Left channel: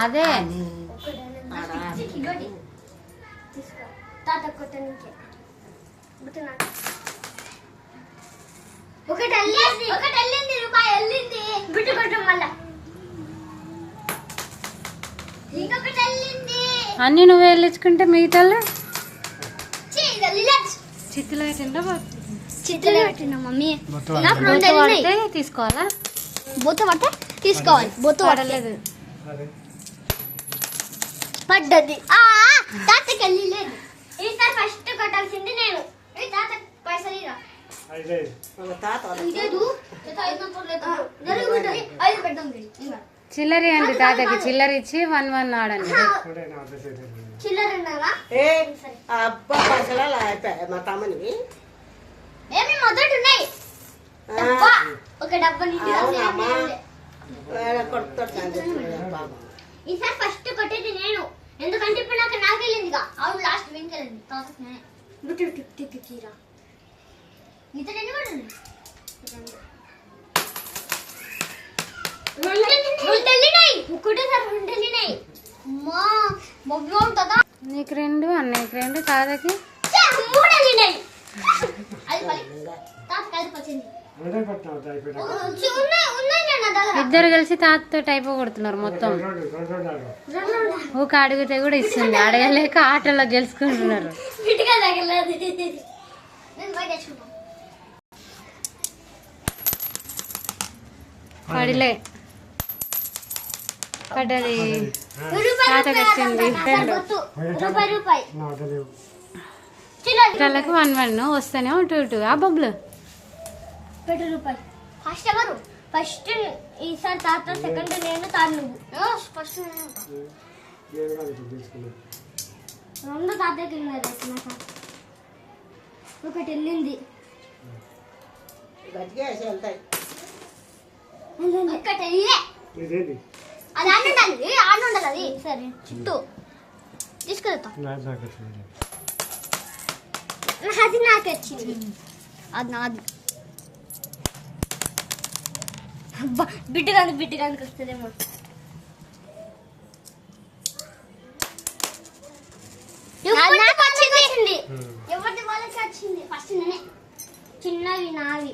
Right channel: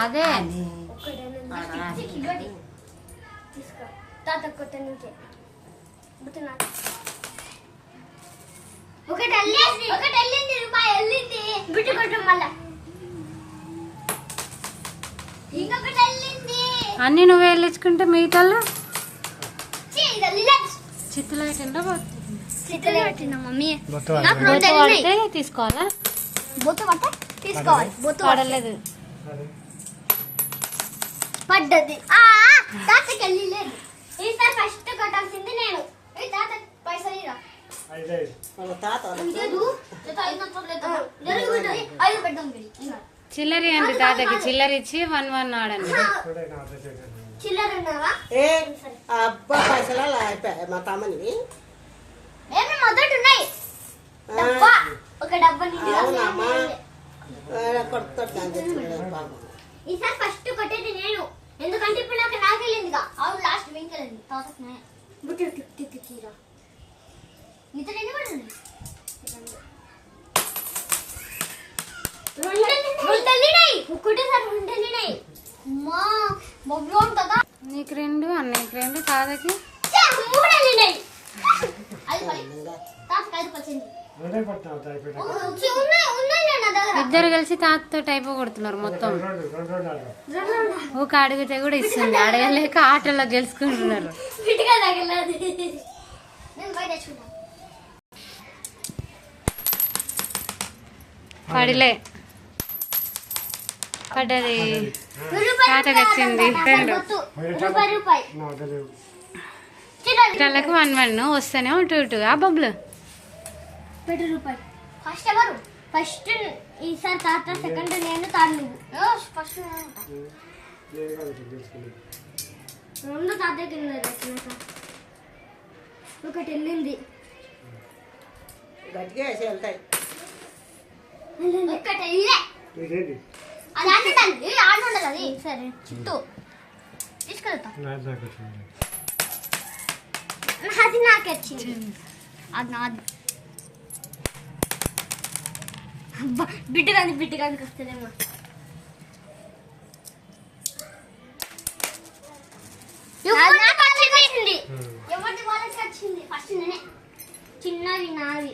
అదే అన్ని నువ్వు వెళ్ళించుకుంటే మిగతా చిత్తులు పెట్టిండా మమ్మీ పడితే తీసుకోవాలా బొత్త పడితే తీసుకోవాలి బొత్త పడలేదు పడ్డది తాతకి వెళ్ళి లేదు ఈసారి ఫస్ట్ కొట్టాల్సింది నేను తాత పైసలు చిల్లరి అండి తాతకి చిల్లర ఇచ్చి 1 ఆడండి చిల్లర మా తమ్మని మొదటి ఉన్నాయి ఒక డబ్బా ఈసారి ఫస్ట్ కొట్టేది నేను ఎందుకంటే ఇప్పుడు నాకు వెళ్ళిందిగా అవును లాస్ట్ వెంకెళ్ళింది తీరా నీతో ఎన్ని కొట్టింది నీకు 2 అన్నయ్యకి 2 తాతకి 3 ఇద్దరు కలిసి తాతతో టైప్ కొడుతున్నారు మొత్తం ఒక అడిగితే కూడా ఇస్తుంది అడగలేక ఆటలో గెలుచుకుంటున్నారు పడిలే పడ్డది తాతకి వచ్చింది 2 1 వస్తేనే 2 ఆ బొబ్బులు ₹2 ఫస్ట్ ఎవరు ఫస్ట్ ఈసారి తాత సెకండ్ నేను తాను నువ్వు ఫస్ట్ రెండు తాతకి వెళ్ళినారు ఒకటి వెళ్ళింది ఒకటి వెళ్ళే అది ఆడుండాలి ఆడుండదు అది సరే చుట్టూ తీసుకెళ్తా అది నాకే వచ్చింది అది నాది బిడ్డగానికి వస్తుందేమో ఎవరిది వాళ్ళకి వచ్చింది ఫస్ట్ నేనే చిన్నవి నావి